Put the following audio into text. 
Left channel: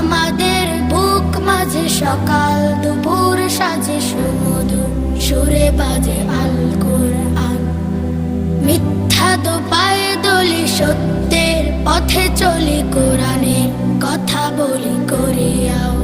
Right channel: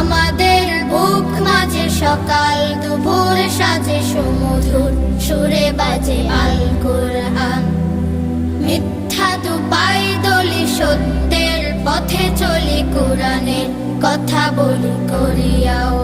আমাদের বুক মাঝে সকাল, দুপুর সাজে সুমধুর, সুরে বাজে আল কোরআন মিথ্যা তো পায় দলি সত্যের পথে চলি কোরআনে কথা বলি করিয়াও।